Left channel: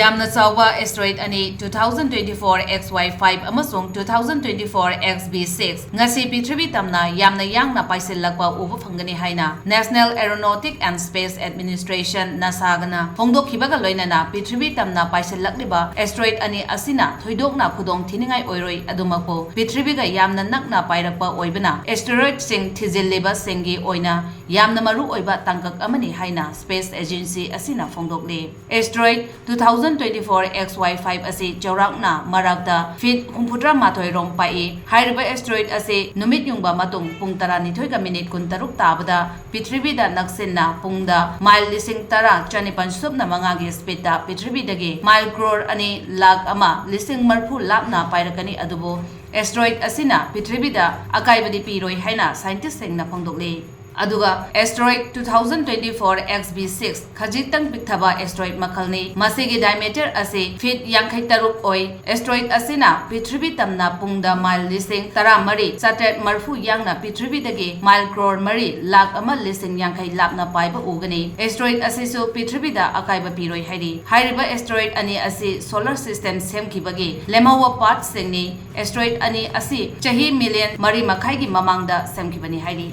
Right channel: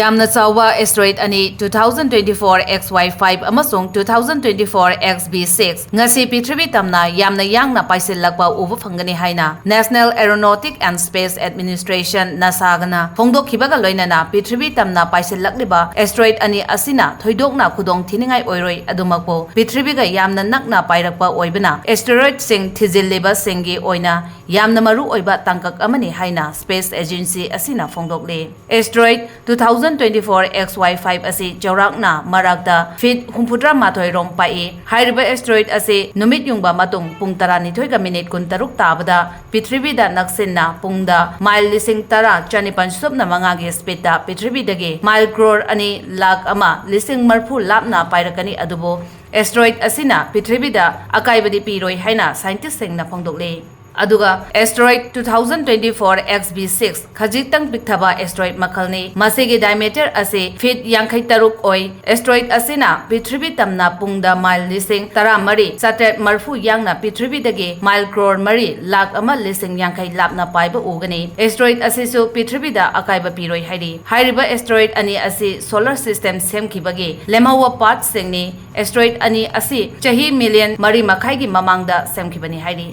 Yamna Chauba Asteroid ani 2024 XY5 Amasung 2024 XB6 Ngasi Prithibi Tamna Yangna Paisinlakpa ubu Fangani haina National Aeronautic and Space Administration NASA Phongdokhibaga loinana Prithibi Tamna Paisinlakliba Asteroid ani asina thoidokna khudong thiningai oiroi adumakpo Prithibiga yamna nakna pairakpa oibana Asteroid sing thizilliba singi oina yamna maru oiba tangkak amani haina Space Agency asina phongdokle Asteroid 2024 XY5 asi Jaurakna Marakta Fit Humputra Mathoi Rong Pai Hairiba Asteroid asi Numit Yungba Matung Pung Taranithoi ka minute kuntaruk tabada Prithibi da naksinna pungda mile lising tara chanipan subna mangagi speed da Prithibi dagi mile crore ani lakh ama lising marphu lapna pairakani adubo Asteroid asina Prithibi da akaibadi piroi haina scientist singna phongdokle Aduga Asteroid 2024 XB6 khajitang pikthaba asteroid makalni masigi diameter ase feet yankhai taruk oi asteroid asina Prithibi tamna pungda mile lising tara mari satret marfu yangna Prithibi dagi mile crore mari lakh ama lising yankhai lapna paiba ugani asteroid asisu Prithibi da akaiba piroi hairi hairiba asteroid ani asi solar system semkhibagi lemawa part singni asteroid ani asi chahi million mari makhai gi mamangda semkhibani hairi